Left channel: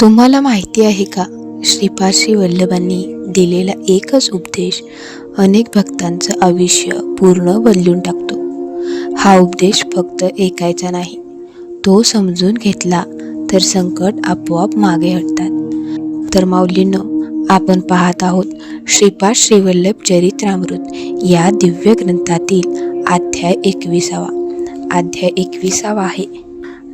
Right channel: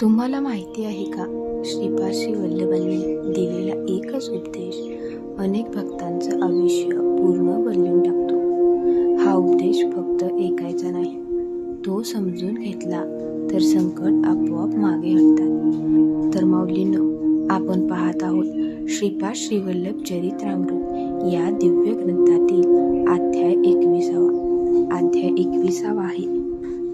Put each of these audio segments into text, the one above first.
तुम्हाला माहिती आहे का, श्रीपाद श्री वल्लभांनी दिलेला एकच उपदेश अनेक भक्तांचं आयुष्य पूर्ण बदलून टाकतो. हा उपदेश फक्त ऐकायचा नाही, तो समजून घेतला तर संकट आपोआप मागे हटतात. तर माऊलींनो, आपण पाहत आहोत श्रीपाद श्री वल्लभ चरित्रामृत या दिव्य ग्रंथातील अध्याय 21. अध्याय 21 आहे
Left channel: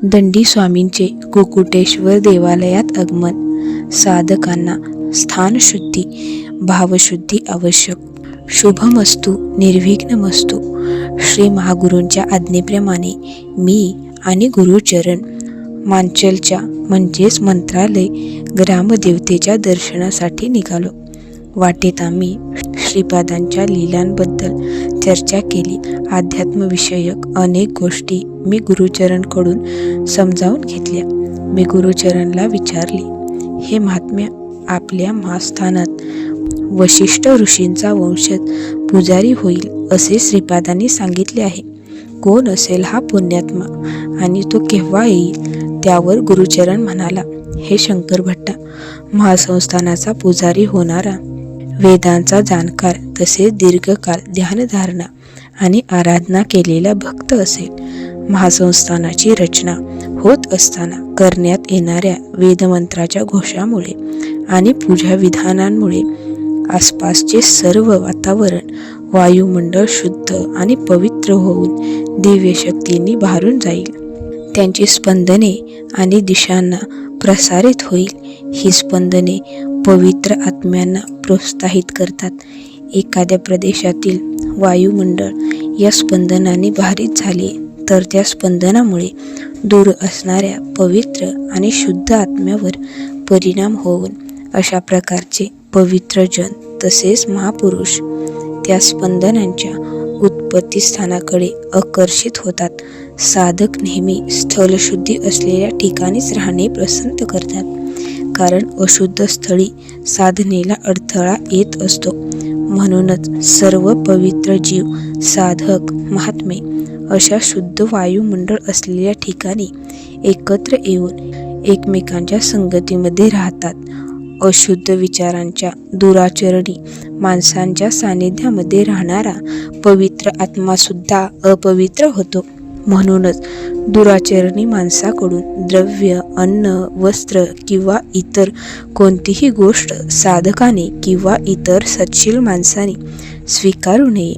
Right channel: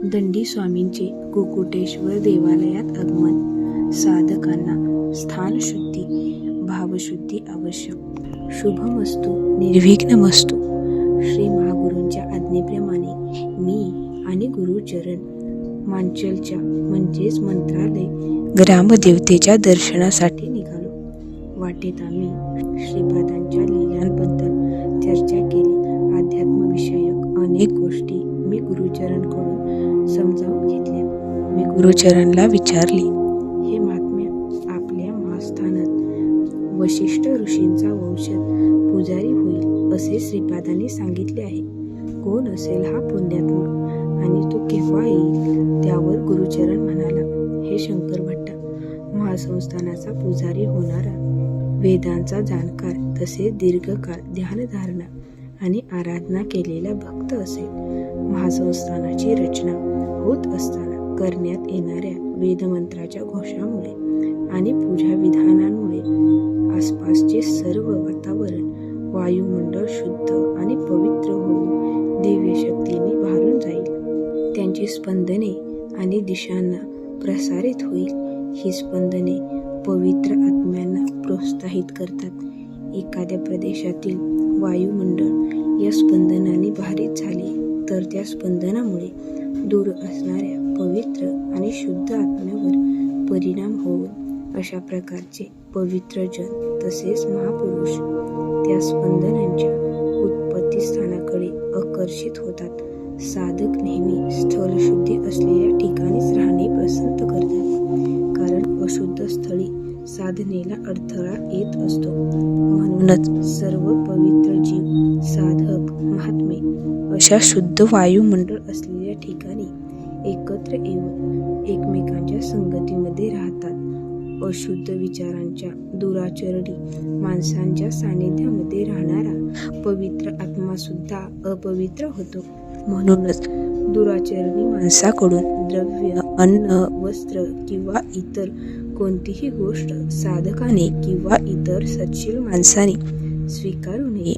दंडी स्वामींचे कुकुटेश्वर देवालयात आगमन. साधकांना स्थानशुद्धी, भावशुद्धी आवश्यक. शुभमस्तु, निर्विघ्नमस्तु. श्री महागुरूंच्या आज्ञेप्रमाणे मी आणि गुरुचरण मांचलच्या म्हणजेच मंत्रालय ग्रामदेवतेच्या दर्शनासाठी निघालो. वाटेत आम्ही श्रीपादांच्या लीलांबद्दल चर्चा केली. अध्यात्मविषयक अनेक गोष्टी मी गुरुचरणकडून समजावून घेतल्या. मी गुरुचरणला विचारले, हे महात्म्य, आपल्या महास्थानात वशिष्ठ ऋषींचा वंशज पुजारी होईल असे श्रीपादांनी सांगितले आहे. कोण असेल हा पुण्यात्मा आणि तो केव्हा येईल? त्यावर गुरुचरण म्हणाला, हे शंकर भट्टा, महासंस्थानाचा पुजारी होणारा, वेदांचा जाणकार, तसेच दीर्घकाल ध्यानधारणा आणि आराधना केलेला भक्त असेल. महासंस्थानाची रचना होत असताना करण्यात येणाऱ्या वेदमंत्राच्या घोषामुळे आणि पूजा विधानांमुळे आसपासचे सर्व वातावरण, वायुमंडळ शुद्ध आणि पवित्र होऊन दिव्य शक्तींनी भारून जाईल. त्यांची स्पंदने आणि दिशांना प्रसारित होईल. ही स्पंदने पवित्र आत्म्यांना प्रोत्साहित करतात. एखाद्या प्रदेशातील वायुमंडळ या स्पंदनाने भारित झाले तर त्या स्पंदनामुळे दूर असणाऱ्या पवित्र आणि शुद्ध आत्म्यावर परिणाम होऊन अशा प्रकारचे पवित्र जन तसेच महापुरुष त्या स्पंदनांच्या उत्पत्तीस्थानाकडे आकर्षित होतात. साधक नेहमी स्थलशुद्धी असलेल्या ठिकाणीच राहणे पसंत करतात, कारण अशुद्ध स्थळी साधनेला अडथळा येत असतो. म्हणूनच सर्व पवित्र जीव, साधक, महात्मे अशा शुद्ध वायुमंडळ असलेल्या ठिकाणी एकत्र येऊन एकमेकांच्या संगतीमध्ये राहतात. अशुद्ध विचारांच्या, दुराचरणी माणसांच्या सानिध्यामध्ये राहणारा पवित्र आत्मासुद्धा अपवित्र होतो. म्हणूनच दुराचरणी माणसाकडून द्रव्य, अन्न, वस्त्र किंवा इतर कोणतीही गोष्ट साधकाने किंवा इतर सत्शील माणसाने स्वीकारू नये.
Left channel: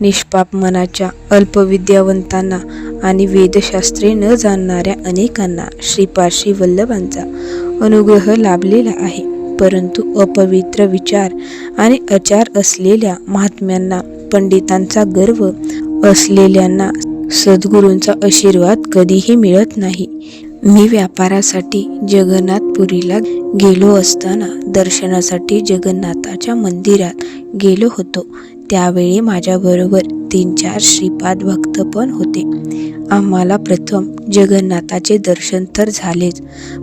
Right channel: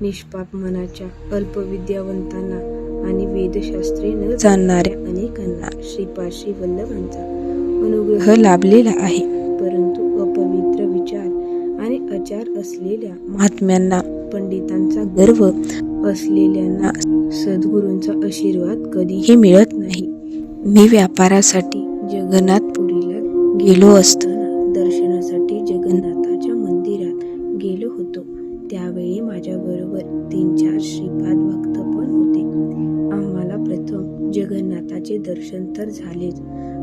निष्पाप मनाच्या अल्पविद्यावंतांना आणि वेदशास्त्रे न जाणणाऱ्या अनेकांना श्रीपाद श्री वल्लभांचा अनुग्रह लाभलेला आहे. परंतु अपवित्र विचार आणि आचार असलेल्या महात्म्यांना, पंडितांचा गर्व असलेल्यांना सद्गुरूंचा आशीर्वाद कधीही मिळत नाही. मी व्यापारासाठी जगन्नाथपुरीला गेलो असताना दर्शनासाठी जगन्नाथाच्या मंदिरात गेलो होतो. त्यावेळी माझ्याबरोबर 3-4 श्रीपाद भक्त पण होते. आम्हाला प्रथम जगन्नाथाचे दर्शन तर झालेच,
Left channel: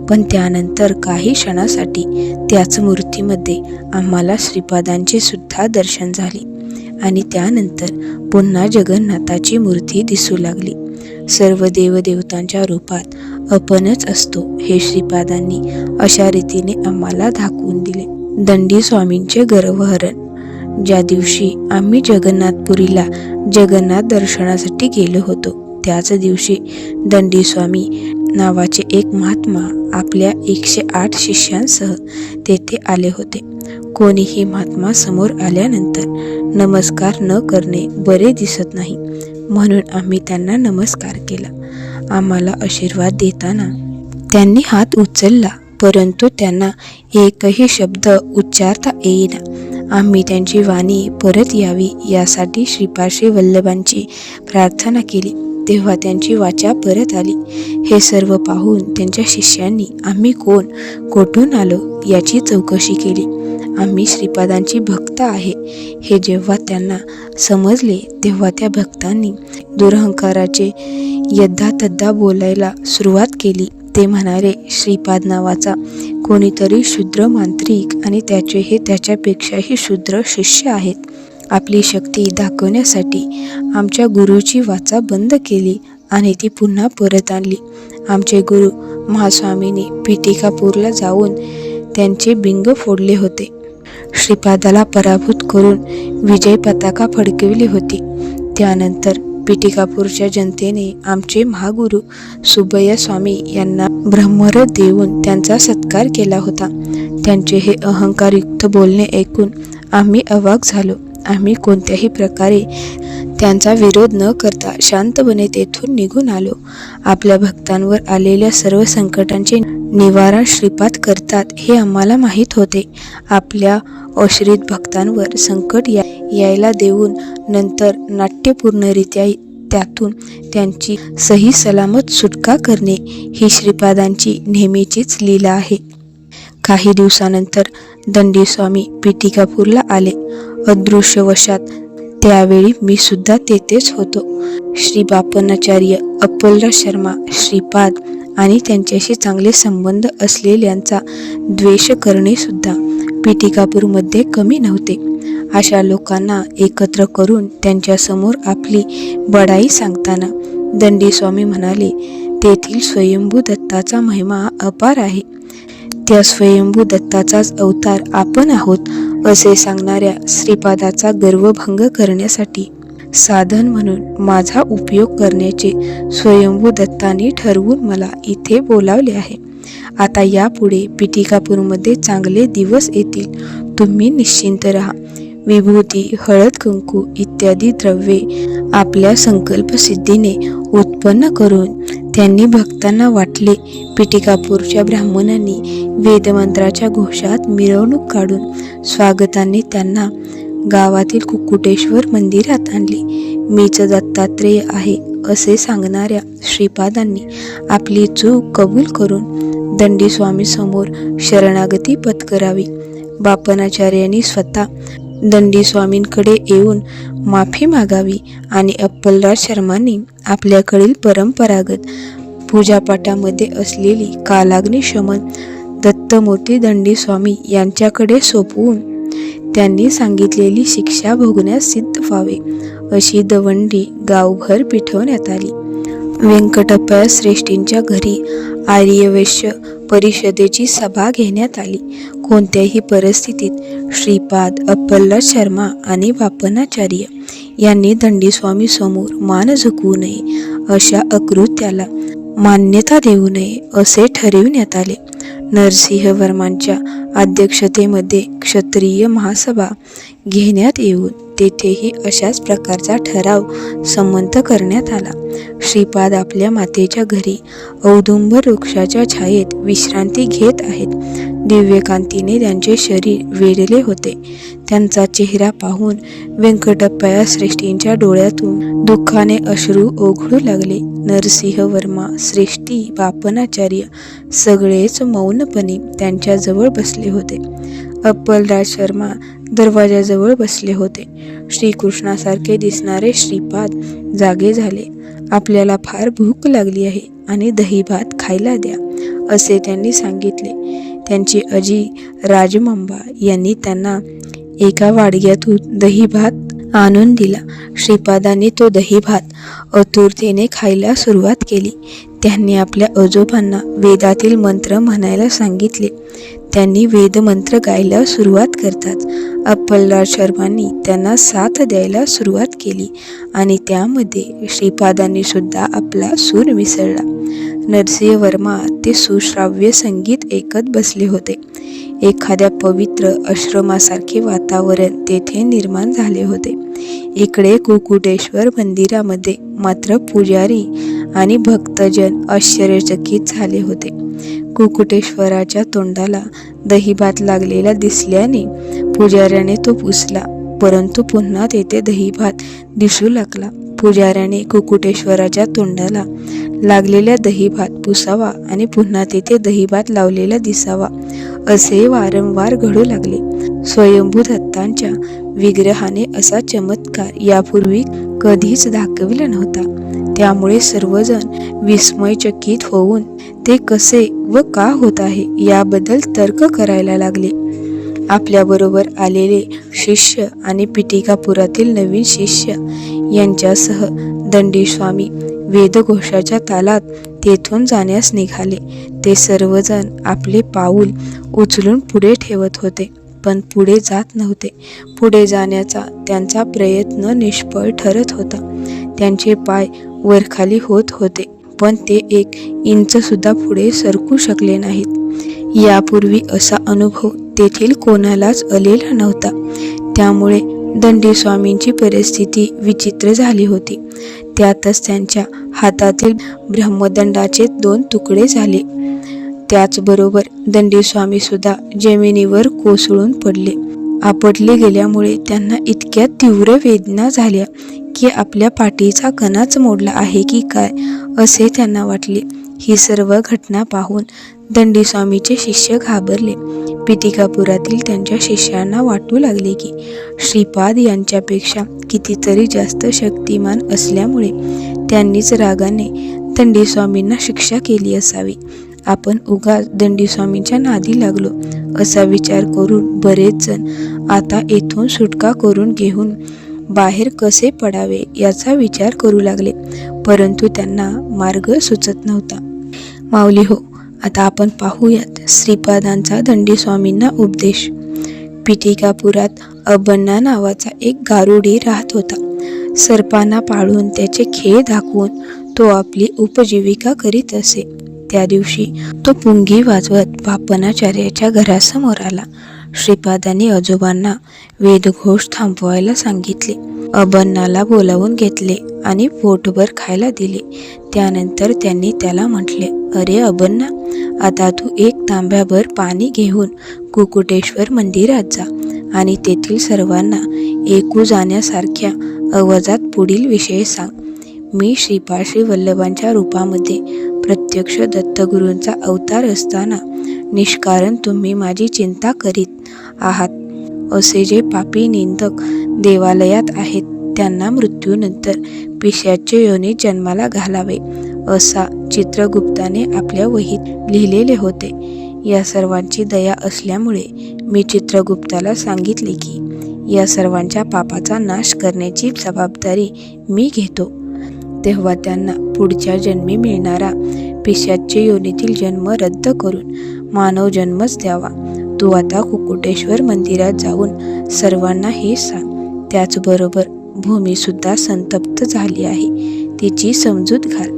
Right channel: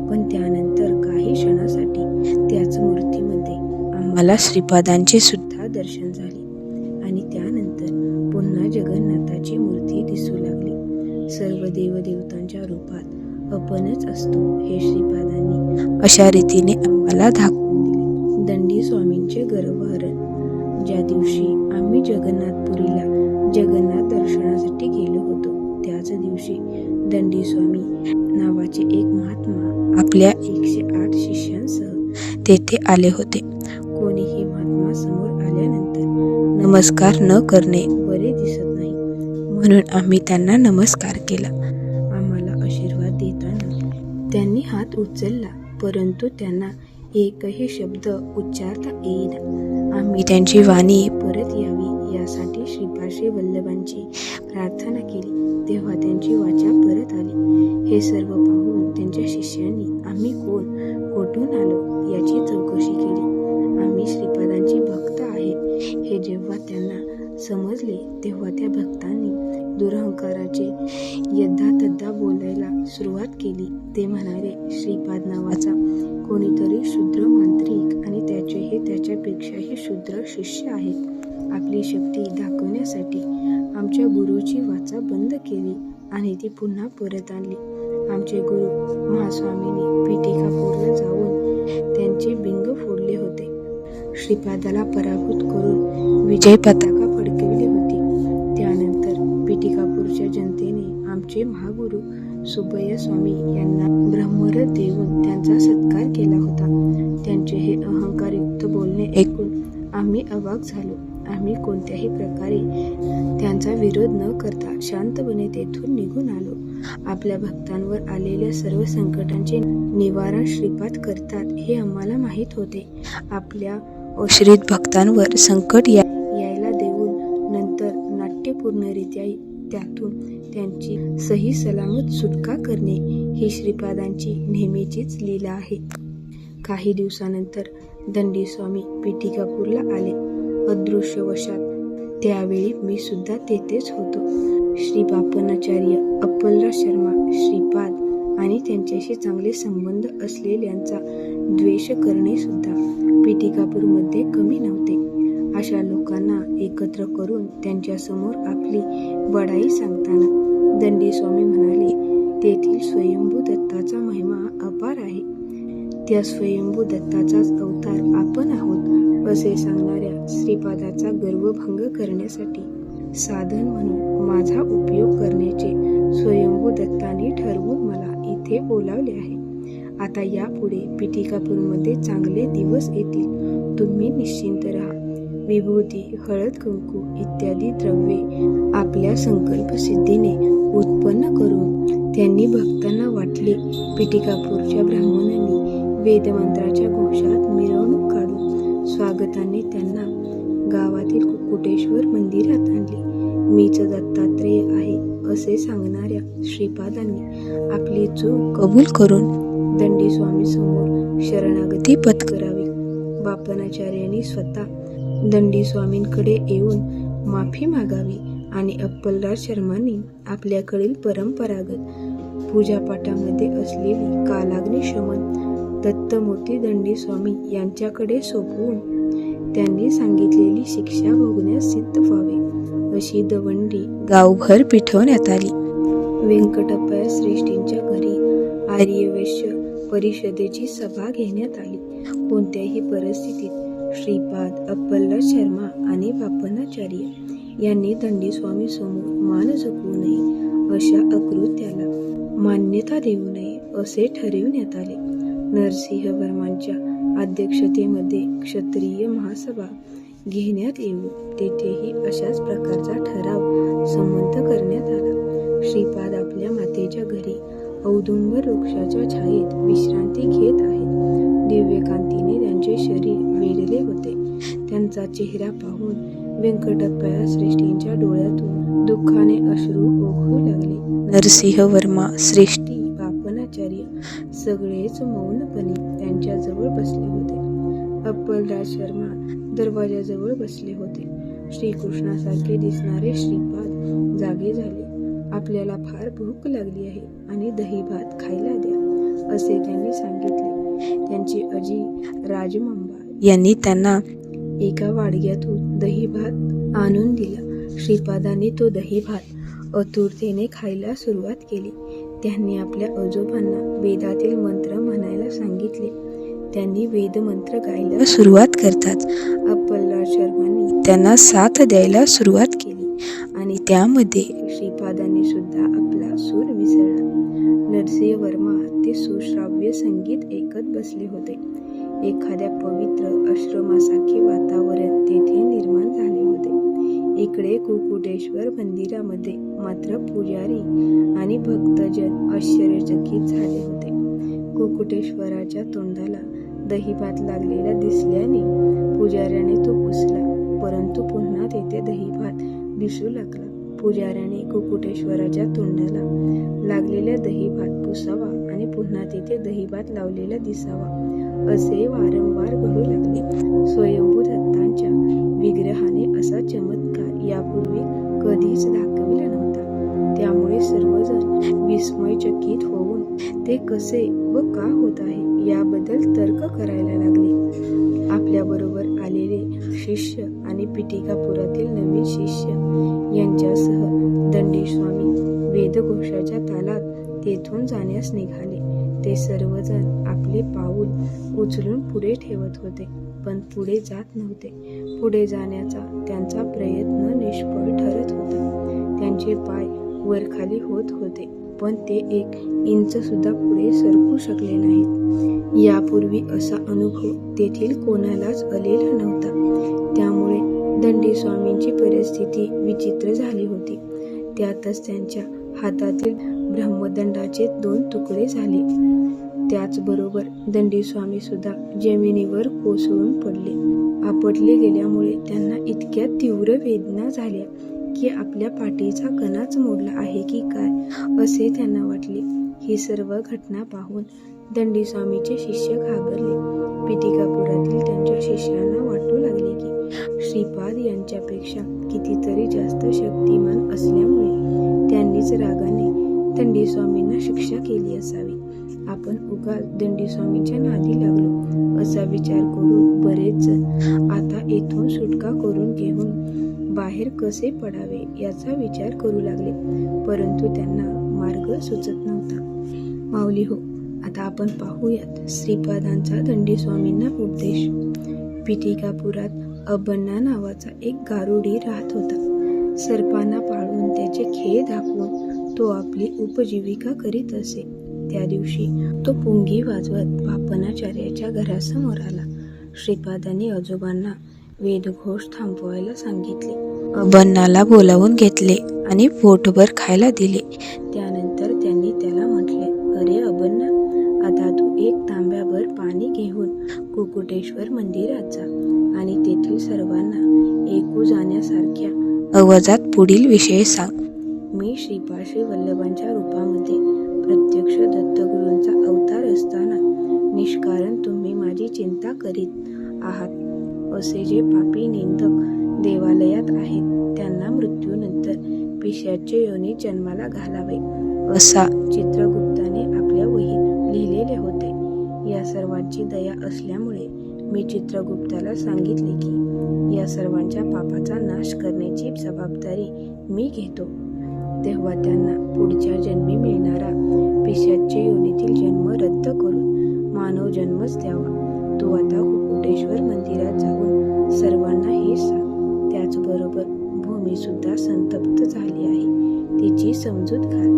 पण त्यानंतर काही क्षणासाठी त्याच मूर्तीमध्ये आम्हाला श्रीपादांचे सुद्धा दर्शन झाले आणि त्यानंतर पुन्हा जगन्नाथाची मूर्ती दिसू लागली. सर्व देवदेवतांच्या रूपात आपणच असतो हे श्रीपादांनी अशा रीतीने आम्हाला दाखवून दिले. दंडी स्वामींचे गर्भहरण. ज्या दिवशी आम्ही जगन्नाथपुरीला जगन्नाथ दर्शनासाठी गेलो होतो, त्याच दिवशी दंडी स्वामी नावाचे एक महात्मा आपल्या 108 शिष्यांसह तेथे आले होते. कोणीही महात्मा समोर आल्यानंतर नमस्कार न करणे बरे दिसत नाही, म्हणून आम्ही त्यांना नमस्कार केला. आम्हाला आशीर्वाद देताना त्यांनी हात उचलला, परंतु त्यांना एकही शब्द उच्चारता येईना. आम्ही त्यांची वाणी परत यावी यासाठी श्रीपाद श्री वल्लभांची प्रार्थना केली, तेव्हा त्यांची वाचा परत आली. हे सर्व पाहून त्यांच्या शिष्यांनी आम्ही कोण, कोठून आलो याची चौकशी केली. आम्ही श्रीपादांची भक्त आहे हे जेव्हा त्यांना समजले, तेव्हा त्या भक्तांनी दुरहंकाराचे यद्दातद्दा बोलायला सुरुवात केली. ते म्हणाले, श्रीपाद नावाचा कोणीतरी शूद्र मांत्रिक आणि त्याचे हे त्याच्यापेक्षाही शूद्र शिष्य आहेत. आपली शक्ती दाखवण्यासाठी आमच्या गुरुची वाचा बंद केली आणि ती पुन्हा परत आणली. आमचे गुरु महास्वामींनी पिटिकापूरला जाऊन त्यांचे बिंग फोडले होते. श्रीपादाला पराभूत करून विजय पताका फडकविली होती. त्यानंतर पिटिकापूरच्या जनतेने आमचे महागुरु सुब्बय्या स्वामी यांना ब्रह्मरथ देऊन त्यांचा सत्कार केला होता. त्यांचे हे अहंकारयुक्त बोलणे ऐकून आम्ही अवाक झालो. आम्ही कोणत्याही प्रकारे त्यांचा विरोध न करता शांतपणे तेथून निघून आलो. आपल्या भक्तांवर आलेल्या सर्व संकटांचे निवारण श्रीपाद करतात हे आम्हाला माहीत होते. आपल्या आश्रित भक्तांवर संकट यायला देऊन नंतर नाट्यपूर्णरित्या त्यातून त्यांची सही सलामत सुटका करणे ही श्रीपादांची नेहमीचीच लीला आहे. काही दिवसानंतर दंडी स्वामी पिटिकापूरला आले. अदृश्यवशात त्यावेळी मी सुद्धा तेथेच होतो. श्री बापनाचार्य, अप्पलराज शर्मा, श्रीपाद आणि त्यांच्याशी चांगले संबंध असलेल्यांचा द्वेष करणे सुद्धा पिटिकापूरमध्ये कमी नव्हते. अशा लोकांना एकत्र करून त्यांच्यासमोर आपली बडाई सांगताना दंडी स्वामी म्हणाले, तेथील स्वयंभू दत्ताचा महिमा अपार आहे. त्या स्वयंभू दत्ताचाच अवतार आपण आहोत असे सांगणाऱ्या श्रीपादाचा गर्वभंग करण्यासाठी साधन म्हणून माझा उपयोग करण्याचे स्वयंभू दत्तांनी ठरवून मला इथे बोलावले आहे. आता यापुढे पिटिकापूरमध्ये चांगले दिवस येतील. तुम्ही निश्चिंत राहा. विभूती, हळद, कुंकू इत्यादी द्रव्ये आपल्या संकल्पसिद्धीने उत्पन्न करून त्यांनी भक्तांना वाटले. पिटिकापूरच्या ब्राह्मणांनी वेदमंत्राच्या घोषात मिरवणूक काढून स्वागताने त्यांना गावातील कुक्कुटेश्वर मंदिरात आणले. मीच दत्तात्रेय आहे असे सांगणाऱ्या श्रीपादांनी आपली चूक कबूल करून दंडी स्वामी समोर शरणागती पत्करावी. बापनाचार्यांनी स्वतः दंडी स्वामींकडे येऊन माफी मागावी आणि अप्पलराज शर्मांनी आपल्याकडील परंपरागत पूजापाठामध्ये असलेली कालाग्नी शमन दत्तमूर्ती दंडी स्वामी यांच्याकडे सोपवून त्यांनी सांगितलेली शिक्षा भोगण्यास सिद्ध व्हावे अशी दवंडी गावभर पिठवण्यात आली. व्यंकटप्पा श्रेष्ठींच्या घरी आर्यवैश्य परिषदेची सभा घेण्यात आली. कोणत्याही परिस्थितीत श्रीपाद, अप्पलराज शर्मा आणि बापनाचार्य यांनी दंडीस्वामी समोर मान झुकवू नये, अशा अकृत्याला मान्यता देऊ नये असे ठरविण्यात आले. नरसिंह वर्मांच्या अध्यक्षतेमध्ये क्षत्रिय महासभा घेण्यात येऊन तेथेही अशाच प्रकारचा ठराव संमत करण्यात आला. श्रीपाद आपल्या मातेच्या घरी औदुंबर वृक्षाच्या छायेत विश्रांती घेत आहेत. दिव्यकांतीने त्यांचे शरीर वेढले होते. त्यांचा चेहरा पाहून व्यंकटप्पा श्रेष्ठींच्या डोळ्यातून दुःखाने अश्रू ओघळू लागले. नरसिंह वर्मा, श्रेष्ठी, बापनाचार्य सगळेच मौनपणे त्यांच्याजवळ बसले होते. अप्पलराज शर्मा दरवाजाजवळ बसले होते. श्रीकृष्णासारखे दिसणारे श्रीपाद जागे झाले. आपल्याला फार भूक लागली आहे आणि दहीभात खायला द्या असे त्यांनी सांगितले. त्यांची आजी राजमांबा यांनी त्यांना एका वाडग्यातून दहीभात आणून दिला. श्रीपादांनी तो दहीभात आतुरतेने खायला सुरुवात केली. त्यांनी आपल्या आजोबांना वेदातील मंत्र म्हणायला सांगितले. त्यांनी वेदमंत्र गायला सुरुवात करताच अप्पलराज शर्मांनी त्यांना साथ द्यायला सुरुवात केली आणि त्यामध्ये श्रीपादांनी सुद्धा आपला सूर मिसळला. नरसिंह वर्मा ते सुश्राव्य संगीत ऐकत बसले होते. एखाद्या पवित्र आश्रमासारखे वातावरण तेथे निर्माण झाले होते. इकडे कुक्कुटेश्वर मंदिरामध्ये मात्र पुजारी आणि भक्तजन आश्चर्यचकित झाले होते. कुक्कुटेश्वराच्या तोंडाला दहीभात लागलेला दिसल्याने पुजाऱ्याने तो पुसला, परंतु पुन्हा तेथे दहीभात दिसू लागला. पुजाऱ्याने कुक्कुटेश्वराच्या तोंडाला लागलेल्या दहीभात पुसावा आणि पुन्हा तेथे दहीभात लावलेला दिसावा असे वारंवार घडू लागले. स्वयंभू दत्तांच्या विग्रहाने असा चमत्कार यापूर्वी कधीच दाखविला नव्हता. त्यामुळे सर्वजण विस्मयचकित होऊन ते कसे व का होत आहे याबद्दल तर्क करायला लागले. आपल्याबरोबर आलेले शिष्य आणि पिटिकापुरातील नवीन शिष्य यांच्यासह दंडी स्वामी वेदघोषाच्या तालात तेथून जाण्यास निघाले. ते सर्वजण आपले पाऊल उचलून पुढे ठेवत होते, पण पुढे जात नव्हते. पुढे जाण्याचा त्यांचा प्रयत्न निष्फळ ठरत होता. त्यांचे पाय वरखाली होत होते, पण ते 1 इंच सुद्धा पुढे सरकू शकले नाहीत. यापूर्वी असा अनुभव तेथील कोणालाच आलेला नव्हता. त्यामुळे दंडीस्वामींची परिस्थिती विचित्र झाली होती. त्यातच त्यांच्या हातातील ब्रह्मदंडाचे 2 तुकडे झाले. त्याचबरोबर दंडीस्वामी सुद्धा जमिनीवर कोसळून पडले. आपटले गेल्यामुळे त्यांना इतक्या तीव्र वेदना झाल्या की आपल्या पाठीचा कणाच मोडला आहे की काय असे त्यांना वाटले. ही सर्व घटना पाहून दंडीस्वामीचे शिष्य घाबरले. पिटिकापुरातील त्यांच्या शिष्यांना वाटू लागले की श्रीपाद यांच्यापेक्षा कितीतरी जास्त शक्तिमान असल्यामुळे त्यांनीच रागाने दंडीस्वामींना शिक्षा केली असावी. आपण उगाच दंडीस्वामींच्या नादी लागलो असा विचार करून बरेच जण आता येथून सुटका करून घेऊन बाहेर कसे पडावे याचा विचार करू लागले, परंतु त्यांना मार्ग सुचत नव्हता. माऊली हो, आता आपण पाहूयात श्रीपादांचा दंडीस्वामींना उपदेश. पिटिकापुरात अबन्ना नावाचा एक गारुडी राहत होता. सर्पांना पाळून त्याचे खेळ दाखवून तो आपली उपजीविका करीत असे. त्या दिवशी तो पुंगी वाजवत पापनाचार्याच्या घरासमोर आला. श्रीपादांनी आजोबांना वेदघोष थांबवायला सांगितले. अबन्नाला बोलावून घेतले आणि पोटभर खायला दिले. त्यानंतर त्यांनी त्याला म्हटले, अरे अबन्ना, आता तू 1 तांब्याभर पाणी घेऊन कुकुटेश्वर मंदिरात जा आणि तेथील सर्वांना ऐकू जाण्यासारख्या आवाजात पुढील विषय सांग. मी श्रीपाद श्री वल्लभांच्या रूपामध्ये प्रत्यक्ष दत्तगुरूंचा अवतार असताना निष्कारण तुम्ही माझी चिंता करीत आहात. असे जे पापी निंदक देवालयात आहेत त्यांना मृत्यूनंतर पिशाच्य योनीत जन्माला घालावे असा चित्रगुप्ताने आपल्या वहीत लिहिलेले होते. या सर्वांची दया असल्यामुळे मी चित्रगुप्ताला सांगितले की या सर्वांच्या पापाचा नाश करण्याची जबाबदारी मी घेतो. तेव्हा त्यांना पुढच्या जन्मी मिळणारा पिशाच्य योनीतील जन्म रद्द करून मानव जन्मच द्यावा. तू आता कुकुटेश्वर मंदिरात जाऊन सर्वांना हे सांग. त्याचबरोबर भूमीसुद्धा संतप्त झाली आहे, तिची समजूत घाल.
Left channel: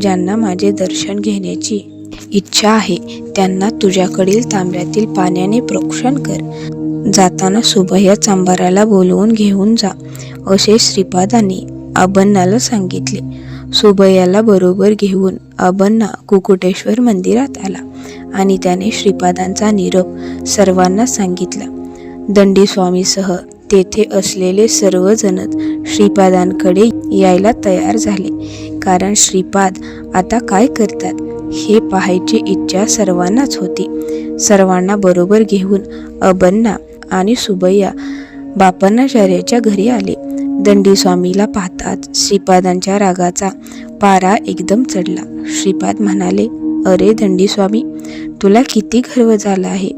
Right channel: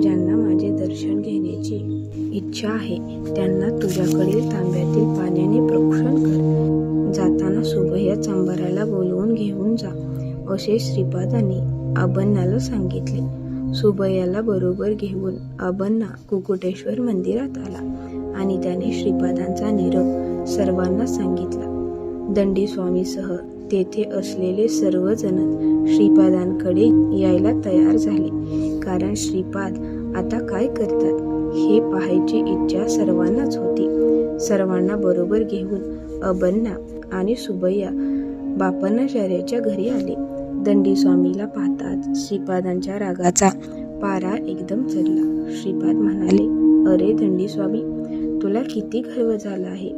ज्यांना माझे दर्शन घेण्याची इच्छा आहे त्यांना तुझ्याकडील तांब्यातील पाण्याने प्रोक्षण कर. जाताना सुभया चांभाराला बोलवून घेऊन जा असे श्रीपादांनी अबन्नाला सांगितले. सुभयाला बरोबर घेऊन अबन्ना कुकुटेश्वर मंदिरात आला आणि त्याने श्रीपादांचा निरोप सर्वांना सांगितला. दंडीस्वामीसह तेथे असलेले सर्वजणच श्रीपादांकडे यायला तयार झाले, कारण श्रीपाद आता काय करतात हे पाहायची इच्छा सर्वांनाच होती. सर्वांना बरोबर घेऊन अबन्ना आणि सुभया बापनाचार्याच्या घरी आले. दंडीस्वामीला पाहताच श्रीपादांच्या रागाचा पारा एकदम चढला. श्रीपाद म्हणाले, अरे दंडीस्वामी, तुला किती गर्व झाला आहे.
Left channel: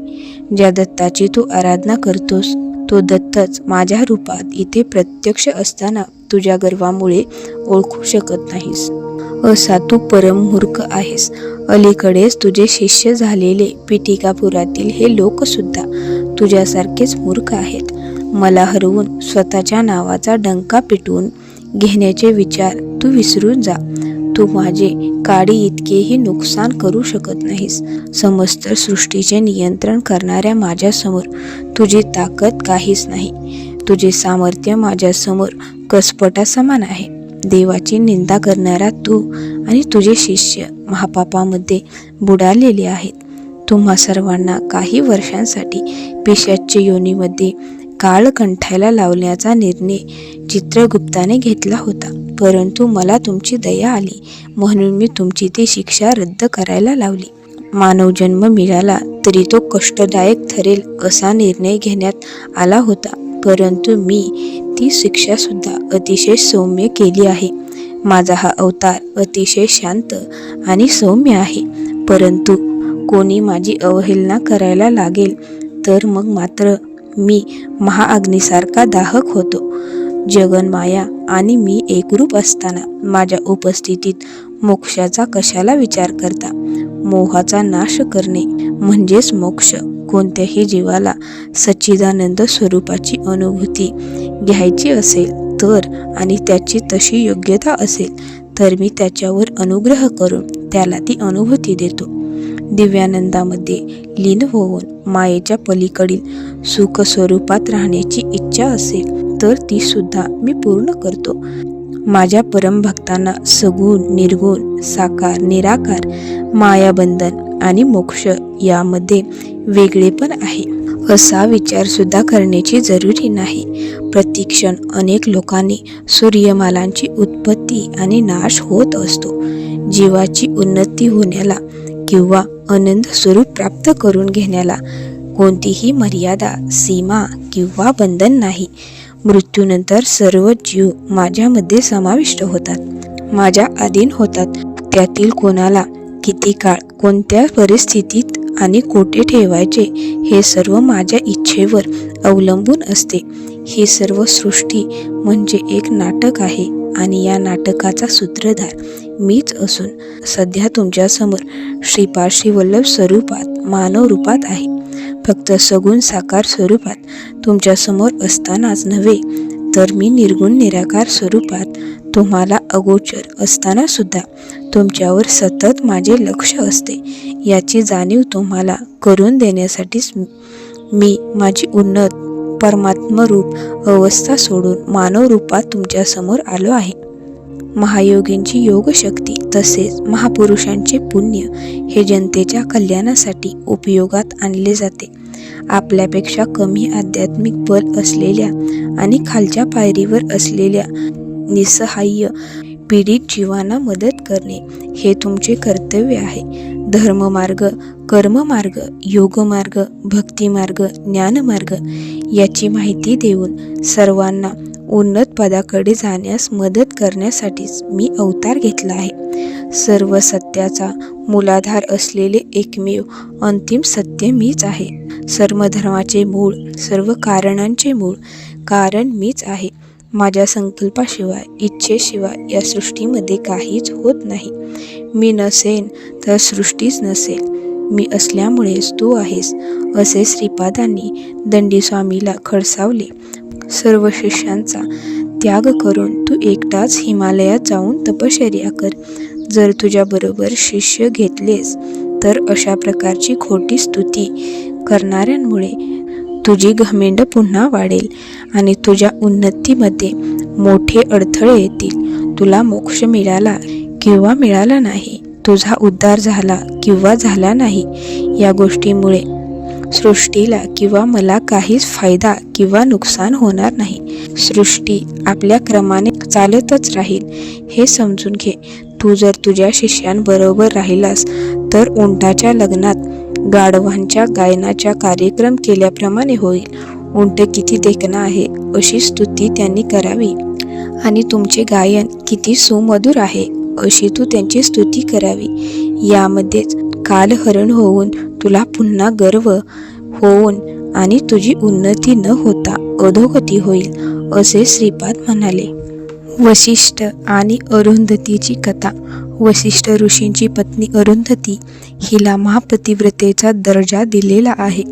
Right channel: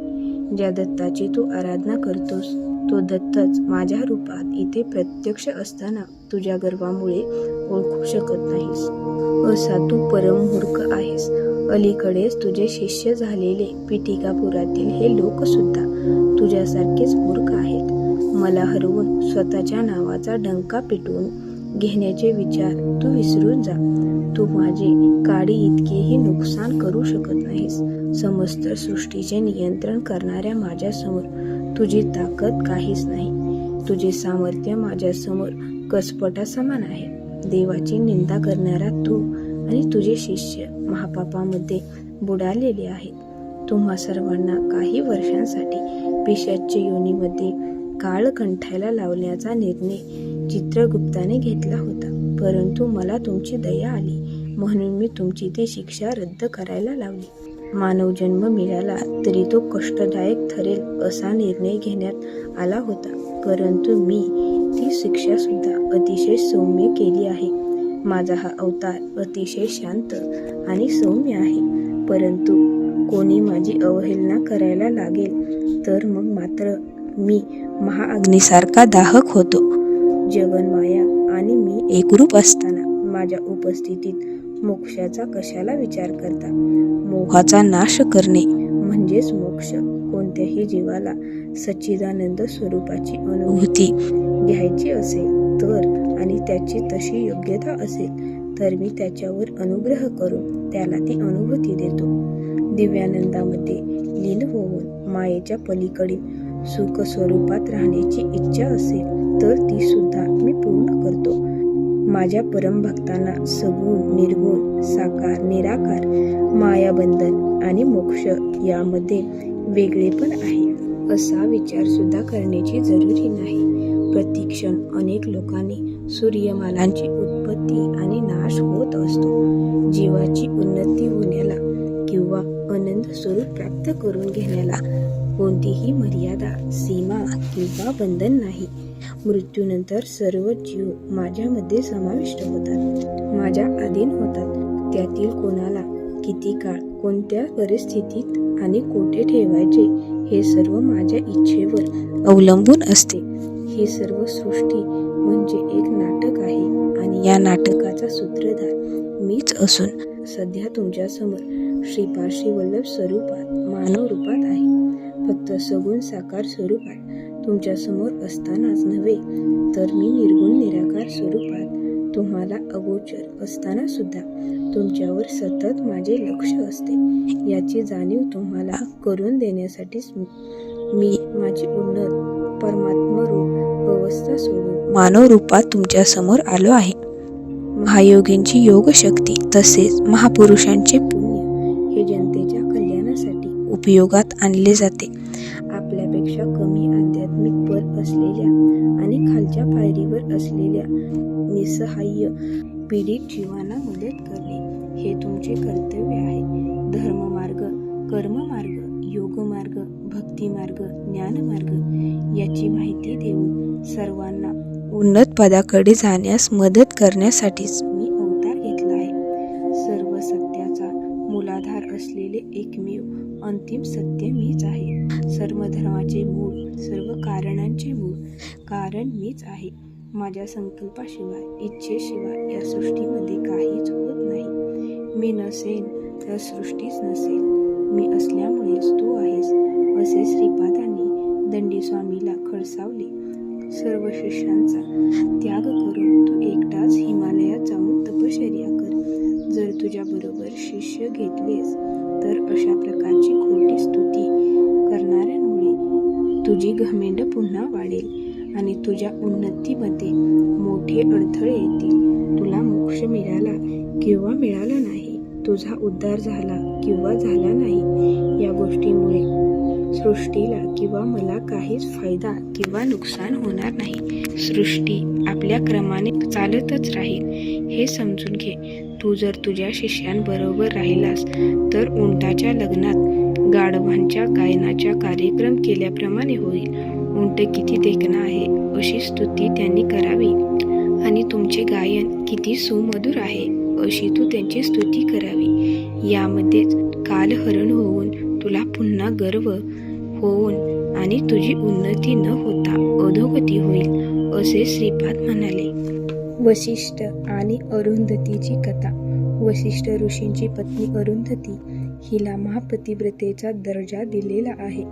ज्या दत्ताची तू आराधना करतोस तो दत्तच माझ्या रूपात इथे प्रत्यक्ष असताना तुझ्या गर्वामुळे ओळखू शकत नाहीस. असा तू परममूर्ख आहेस. अलीकडेच तुझे शिष्य झालेले पिटिकापुरातील हे लोकसुद्धा तुझ्यासारखेच मूर्ख आहेत. मला हरवून स्वतःच्या नावाचा डंका पिटवून घेण्याचे विचार तू विसरून जा. तू माझे काडी इतकेही नुकसान करू शकत नाहीस. समस्त सृष्टीचे नियंत्रण करणाऱ्या माझ्यासमोर तुझी ताकद काहीच नाही. तुझे सामर्थ्य माझ्यासमोर कसपटासमान आहे. देवाची निंदा करणारा तू आणि तुझे शिष्य महापापामध्ये बुडालेले आहेत. तुम्हा सर्वांना काही वर्षांसाठी पिशाच्य योनीमध्ये काळ कंठायला लावण्याचा निर्णय चित्रगुप्ताने घेतला होता, परंतु मला तुमची दया आली म्हणून मी तुमची ती शिक्षा रद्द करायला लावली. मानव जन्म मिळाला तरी तो कष्टदायक ठरेल असा निर्णय घेण्यात आला होता, परंतु मी ती शिक्षासुद्धा अतिशय सौम्य केली आहे. माझा हा अवतार अतिशय शांत आणि सौम्य आहे, परंतु कोणी माझी अवहेलना करायला लागेल तर मग मात्र मी महाअग्नीसारखा दाहक होतो. जगन्माया आणि मी एकरूप असताना माझ्या उपस्थितीत मोक्षाचा कशाला विचार करता? मोहाचा नाश करणे म्हणजेच मोक्ष. कोणत्याही जीवाला सच्चिदानंद स्वरूपाची अनुभूती घ्यायची असेल तर आणि त्याची तशी योग्यता असेल तर मी त्याच्यावर अनुग्रह करून त्याला ती अनुभूती देतो. दिव्यानंदामध्ये लीन होऊन मायेच्या पलीकडील सुख स्वरूपात राहण्याची इच्छा असेल तर ती सुद्धा मी पूर्ण करतो. माझ्या परमभक्तांना सगुण, निर्गुण, साकार, निराकार, मायाबंधन आणि मोक्ष यामध्ये वेगळेपण आहे असा विचार सुद्धा करण्याची जरुरी नाही. प्रतिक्षण अनेक लोकांनी सूर्यमालांची उत्पत्ती आणि नाश होत असतो. जीवाची उन्नती होण्याला किंवा आनंद स्वरूप प्राप्त करून घेण्याला कोणतीही मर्यादा, सीमा किंवा बंधन नाही. मृत्यूनंतर सर्व जीव माझ्यामध्ये समाविष्ट होतात, माझ्या अधीन होतात. त्यातील कोणाला किती काळ, कोणत्या परिस्थितीत आणि कोठे ठेवायचे हे सर्व माझ्या इच्छेवर अवलंबून असते. ही सर्व सृष्टी म्हणजे एक नाटक आहे आणि या नाटकाचा सूत्रधार मीच असून सध्या तुमच्यासमोर श्रीपाद श्रीवल्लभ स्वरूपात, मानव रूपात आहे. फक्त सगुण साकार स्वरूपात तुमच्यासमोर असतानाच नव्हे तर मी निर्गुण निराकार स्वरूपात तुम्हाला अगोचर असताना सुद्धा तुमच्यावर सतत माझे लक्ष असते. याची जाणीव तुम्हाला करून देण्यासाठीच मी माझी उन्नत परमात्मरूप अवस्था सोडून मानव रूपात तुमच्यासमोर आलो आहे. महायोगींची योगशक्ती तसेच महापुरुषांचे पुण्य हे जनतेच्या कल्याणासाठी उपयोगात आणले जाते. आपल्यापेक्षा कमी आध्यात्मिक बल असलेल्या आणि खालच्या पायरीवर असलेल्या निसहाय्य पीडित जीवांना मदत करणे हे तुमचे कर्तव्य आहे. धर्ममार्ग, कर्ममार्ग, योगमार्ग, भक्तिमार्ग, ज्ञानमार्ग याची माहिती देऊन सर्वांना उन्नत पदाकडे जाण्यास मदत करण्यासाठीच मी अवतार घेतला आहे. सर्व सत्याचा मूलाधार असलेले एकमेव अंतिम सत्य मीच आहे. सर्व धर्माचे मूळ, सर्व कारणांचे मूळ कारण मीच आहे. माझ्या संकल्पाशिवाय, इच्छेशिवाय या सृष्टीमध्ये काहीच होत नाही. मी नसेन तर सृष्टीच नसेल. मी असल्यामुळेच तू आहेस असे श्रीपादांनी दंडीस्वामीला खडसावले. सर्व शिष्यांचा त्याग करून तू एकटाच हिमालयात जाऊन तपश्चर्या कर. जर तुझ्याबरोबर शिष्य घेतलेस तर अशा प्रकारची खोटी स्तुती करणाऱ्यांमुळे तुझी घमेंड पुन्हा वाढेल आणि तुझ्या उन्नतीमध्ये मोठे अडथळे येतील. तुला मोक्ष मिळाला किंवा मिळाला नाही, तुझा उद्धार झाला किंवा झाला नाही, या गोष्टीमुळे सृष्टीला किंवा मला काहीच फायदा किंवा नुकसान होणार नाही. सृष्टी आपल्या क्रमाने चालतच राहील हे समजून घे. तू जर तुझ्या शिष्यांबरोबर राहिलास तर उंटाच्या लग्नात गाढवांच्या गायनाचा कार्यक्रम केल्याप्रमाणे होईल. उंट किती देखणं आहे अशी स्तुती त्यांनी करावी आणि तुमचे गायन किती सुमधुर आहे अशी तू त्यांची स्तुती करावी. यामध्येच कालहरण होऊन तुला पुन्हा गर्व होऊन आणि तुझी उन्नती न होता अधोगती होईल असे श्रीपाद म्हणाले. वसिष्ठ आणि अरुंधतीची कथा. वसिष्ठ ऋषींची पत्नी अरुंधती हिला महापतिव्रतेचा दर्जा दिलेला आहे.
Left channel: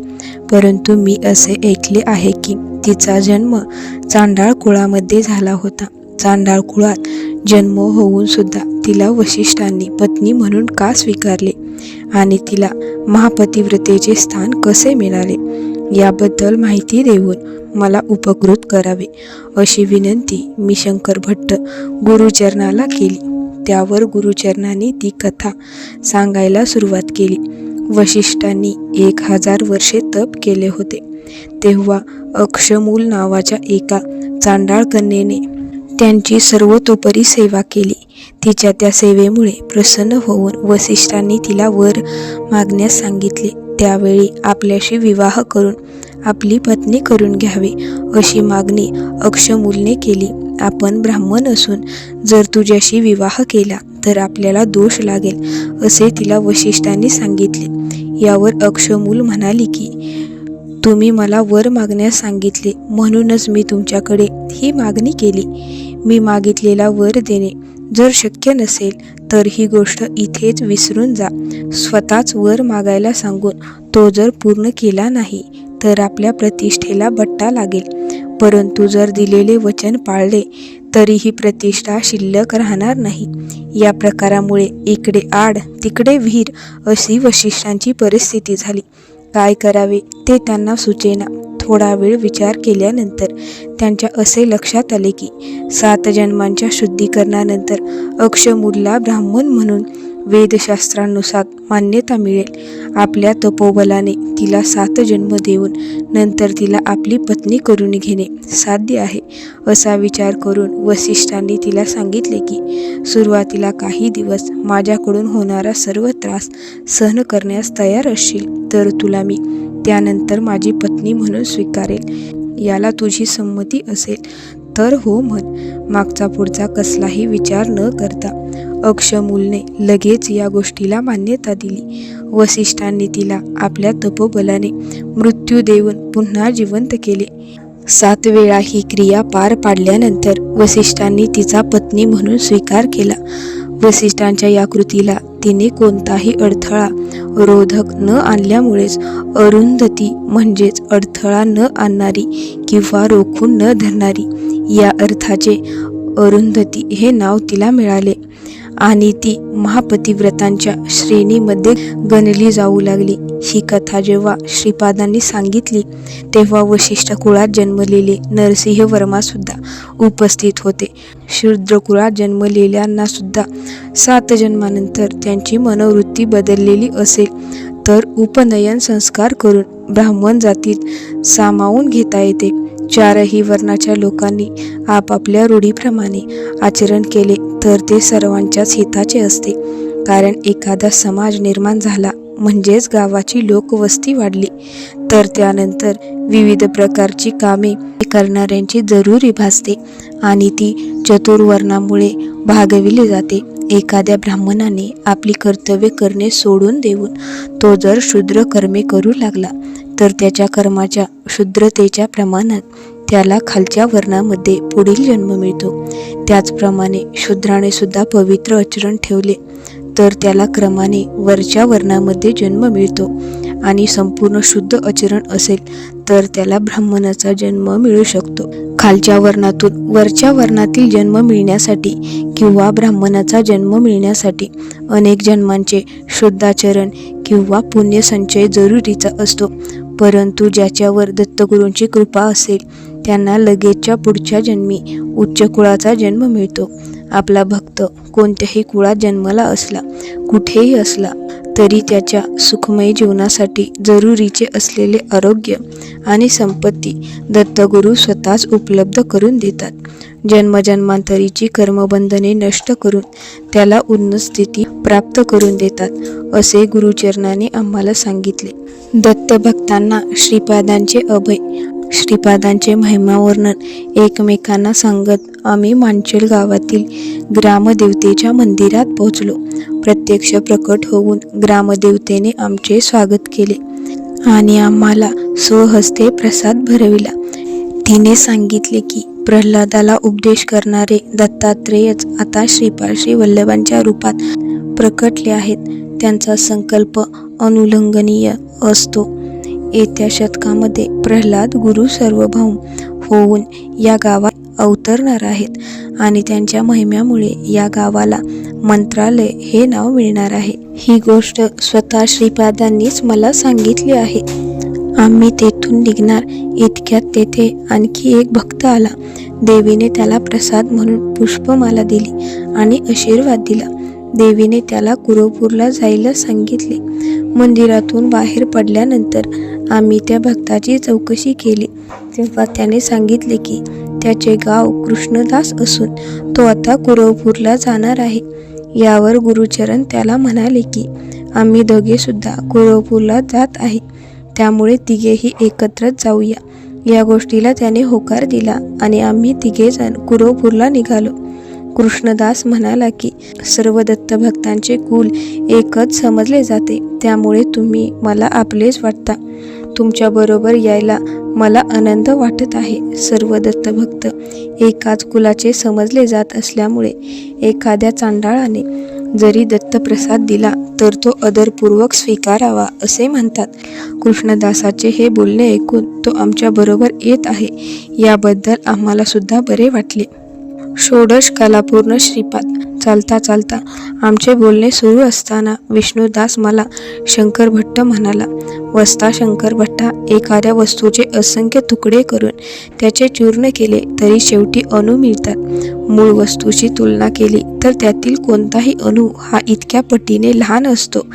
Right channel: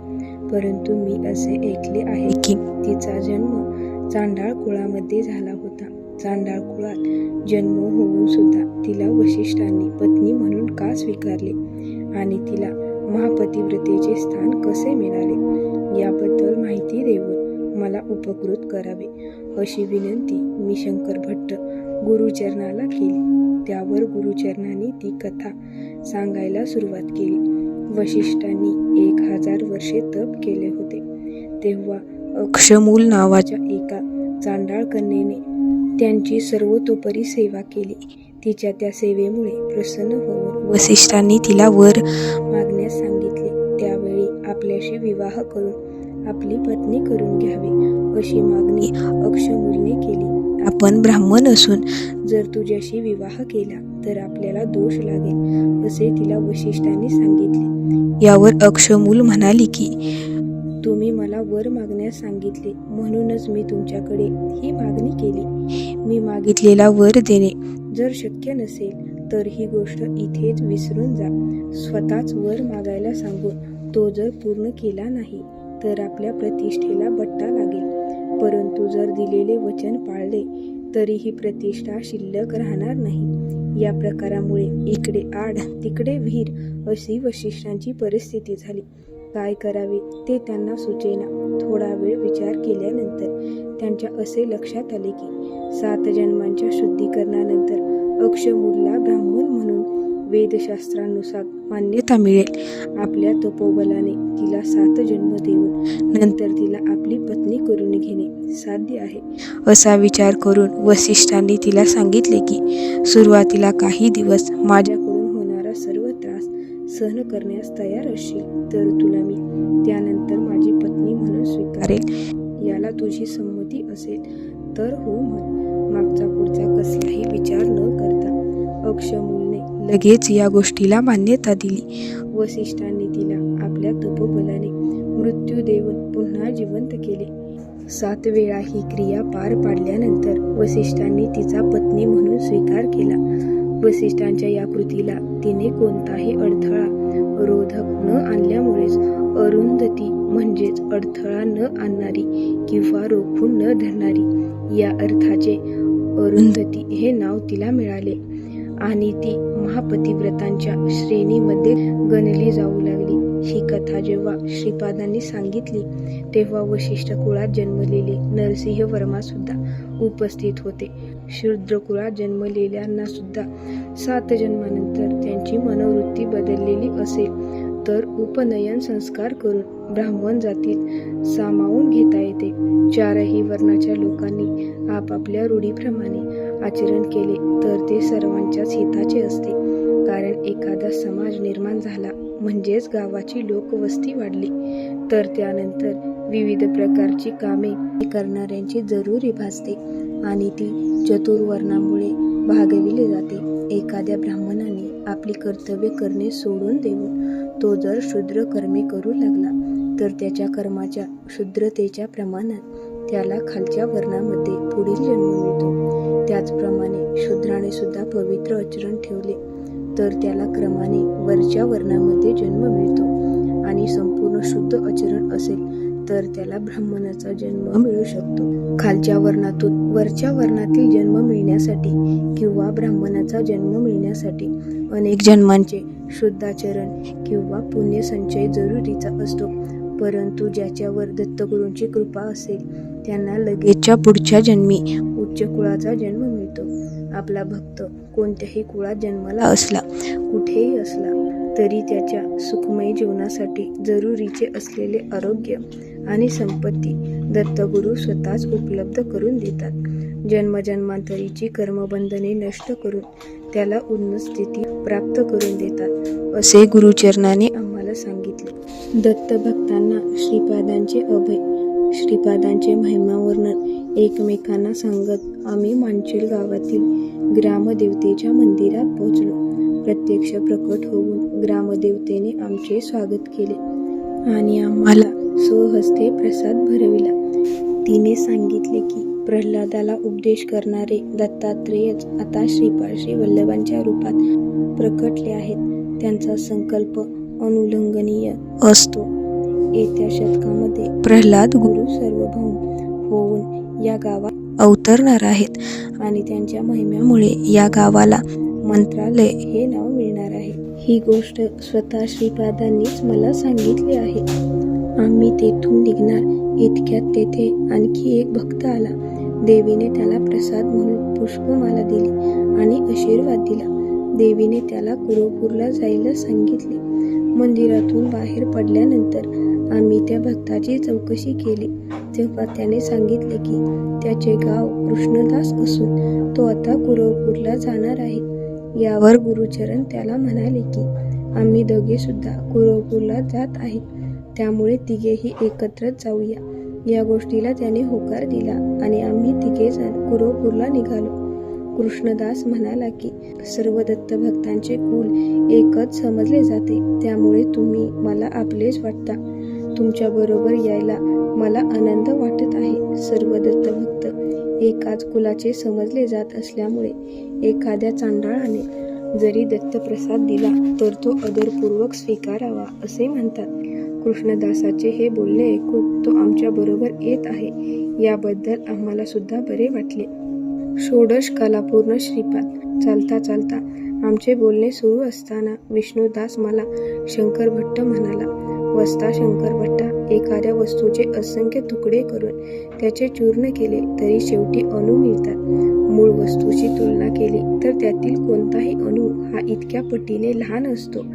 परंतु मी असे ऐकले आहे की तिचा जन्म चांडाळ कुळामध्ये झाला होता. चांडाळ कुळात जन्म होऊन सुद्धा तिला वसिष्ठांनी पत्नी म्हणून का स्वीकारले आणि तिला महापतिव्रतेचे स्थान कसे मिळाले याबद्दल माहिती देऊन मला उपकृत करावे अशी विनंती मी शंकर भट्ट गुरुचरणाला केली. त्यावर गुरुचरणाने ती कथा सांगायला सुरुवात केली. वसिष्ठांनी 1000 वर्षे तप केले होते. तेव्हा अक्षमूल नावाच्या एका चांडाळ कन्येने त्यांची सर्वतोपरी सेवा केली. तिच्या त्या सेवेमुळे प्रसन्न होऊन वसिष्ठांनी तिला वर मागण्यास सांगितले. त्यावेळी आपल्याशी विवाह करून आपली पत्नी करून घ्यावी अशी मागणी अक्षमूलने केली. आपण ब्राह्मण असून जर तुझ्याशी विवाह केला तर आपल्याला दोष लागेल असे तिला वसिष्ठांनी सांगितले. यावर अक्षमूल म्हणाली की तुम्ही मला वर मागण्यास सांगितले, म्हणूनच मी तुमच्याकडे ही मागणी केली. मी मागितलेला वर देणे जर शक्य नसेल तर ही गोष्ट इथेच विसरून जा. स्वतःच वर मागायला सांगून तो जर पूर्ण केला नाही तर आपल्या प्रतिष्ठेला बट्टा लागेल. परंतु जर दिलेले वचन पाळले तरीही प्रतिष्ठा शिल्लक राहणार नाही. या प्रकारामुळे इकडे आड तिकडे विहीर अशी वसिष्ठांची परिस्थिती झाली. काय करावे ते त्यांना सुचेना. थोडा वेळ विचार केल्यानंतर त्यांच्या असे लक्षात आले की 7 जन्मांच्या शुद्धीकरणानंतर अक्षमूलला ब्राह्मण म्हणून वेदशास्त्रानुसार मान्यता मिळेल. आपल्या तपोबलाने तिला 7 जन्म देऊन नंतर तिला आपली पत्नी करून घेणे साध्य आहे. असा विचार करून वसिष्ठांनी तिला सांगितले की सुरुवातीला काही दिवस माझ्याकडून होणारा सर्व त्रास सहन करण्यास तयार असशील तर तुला मी त्यानंतर माझी पत्नी म्हणून स्वीकारेल. याला तुझी संमती असेल तर हो म्हण. मागचा पुढचा कसलाही विचार न करता अक्षमूलने लगेच या गोष्टीला मान्यता दिली. वसिष्ठांनी तिला आपल्या तपोबलाने मृत्यू देऊन पुन्हा जिवंत केले. 7 वेळा ही क्रिया पार पाडल्यानंतर वसिष्ठांनी तिचा पत्नी म्हणून स्वीकार केला. वसिष्ठांच्या या कृतीला तिने कोणताही अडथळा रोधक न आणल्यामुळेच अरुंधती म्हणजेच अडथळा न आणणारी किंवा रोखून न धरणारी या अर्थाचे अरुंधती हे नाव तिला मिळाले आणि ती महापतिव्रतांच्या श्रेणीमध्ये गणली जाऊ लागली. ही कथा जेव्हा श्रीपादांनी सांगितली तेव्हा वशिष्ठ कुळात जन्मलेले नरसिंह वर्मा सुद्धा उपस्थित होते. शूद्र कुळात जन्मलेल्यांना सुद्धा 7 जन्मानंतर त्यांची मनोवृत्ती बदललेली असेल तर उपनयन संस्कार करून ब्राह्मण जातीत सामावून घेता येते. 4ही वर्णाच्या लोकांनी आपापल्या रूढीप्रमाणे आचरण केले तर ते सर्वांच्याच हिताचे असते. कारण एखादा समाज निर्माण झाला म्हणजेच गावाची लोकवस्ती वाढली तर त्यानंतर विविध प्रकारची कामे करणाऱ्यांची जरुरी भासते आणि ती चतुर्वर्णामुळे भागविली जाते. एखाद्या ब्राह्मणाने आपली कर्तव्य करणे सोडून देऊन तो जर शूद्र कर्मे करू लागला तर त्याच्या कर्माच्या क्षुद्रतेच्या प्रमाणात त्याला खालच्या वर्णामध्ये पुढील जन्म मिळतो. त्याचप्रमाणे शूद्राने सुद्धा पवित्र आचरण ठेवले तर त्याला क्रमाने वरच्या वर्णामध्ये जन्म मिळतो आणि संपूर्ण शुद्ध आचरण असेल तर त्याला ब्राह्मणाचा जन्म मिळू शकतो. खालच्या वर्णातून वरच्या वर्णातील जन्म मिळण्यासाठी किंवा ब्राह्मणाचा जन्म मिळण्यासाठी अनेक जन्मांचे शुद्धाचरण किंवा पुण्यसंचय जरुरीचा असतो. परंतु ज्याच्यावर दत्तगुरूंची कृपा असेल त्यांना लगेचच्या पुढच्या जन्मी उच्च कुळाचा जन्म मिळतो. आपला भक्त कोणत्याही कुळात जन्मला असला कुठेही असला तरी त्याच्या सुखमय जीवनासाठी जरुरीचे असलेले आरोग्य आणि संपत्ती दत्तगुरू स्वतःच उपलब्ध करून देतात. जन्मजन्मांतरीची कर्मबंधने नष्ट करून त्याला उन्नत स्थिती प्राप्त करून देतात असे गुरुचरणाने आम्हाला सांगितले. दत्तभक्तांना श्रीपादांचे अभय. श्रीपादांचे महिमावर्णन एकमेकांना सांगत आम्ही मांचल गावातील ग्रामदेवतेच्या मंदिरात पोहोचलो. प्रत्यक्ष प्रकट होऊन ग्रामदेवतेने आमचे स्वागत केले आणि आम्हाला स्वहस्ते प्रसाद भरविला. तिने सांगितले की प्रल्हादाला उपदेश करणारे दत्तात्रेयच आता श्रीपाद श्री वल्लभांच्या रूपात प्रकटले आहेत. त्यांचा संकल्प अनुल्लंघनीय असतो. येत्या शतकामध्ये प्रल्हाद गुरु सार्वभौम होऊन या गावात अवतरणार आहेत आणि त्यांच्या महिम्यामुळे या गावाला मंत्रालय हे नाव मिळणार आहे. ही गोष्ट स्वतः श्रीपादांनीच मला सांगितली आहे. आम्ही तेथून निघणार इतक्यात तेथे आणखी एक भक्त आला. देवीने त्याला प्रसाद म्हणून पुष्पमाला दिली आणि आशीर्वाद दिला. देवीने त्याला कुरवपूरला जायला सांगितले. मंदिरातून बाहेर पडल्यानंतर आम्ही त्या भक्ताची चौकशी केली तेव्हा त्याने सांगितले की त्याचे गाव कृष्णदास असून तो आता कुरवपूरला जाणार आहे. यावर गुरुचरण त्याला म्हणाले की आम्ही दोघे सुद्धा कुरवपूरला जात आहे, त्यामुळे तिघेही एकत्रच जाऊया. या गोष्टीला त्याने होकार दिला आणि आम्ही तिघेजण कुरवपूरला निघालो. कृष्णदास म्हणाला की सर्व दत्तभक्तांचे कुल एकच समजले जाते, त्यामुळे तुम्ही मला आपलेच वाटता. तुमच्याबरोबर यायला मला आनंद वाटत आहे. सर्व दत्तभक्त एकाच कुलाचे समजले जात असल्यामुळे एखाद्या चांडाळाने जरी दत्तप्रसाद दिला तर तो आदरपूर्वक स्वीकारावा असे म्हणतात. कृष्णदासाचे हे बोलणे ऐकून तो आमच्याबरोबर येत आहे याबद्दल आम्हाला सुद्धा बरे वाटले. षोडश कलापूर्ण श्रीपाद. चालता चालता आमचे बोलणे सुरू असताना विष्णुदास मला शंकर भट्ट म्हणाला. वस्ता शंकर भट्टा एखाद्या वस्तूचे असंख्य तुकडे करून त्याचे चूर्ण केले तरी शेवटी अणू मिळतात. मूळ वस्तूची तुलना केली तर त्यातील कोणताही अणू हा इतक्या पटीने लहान असतो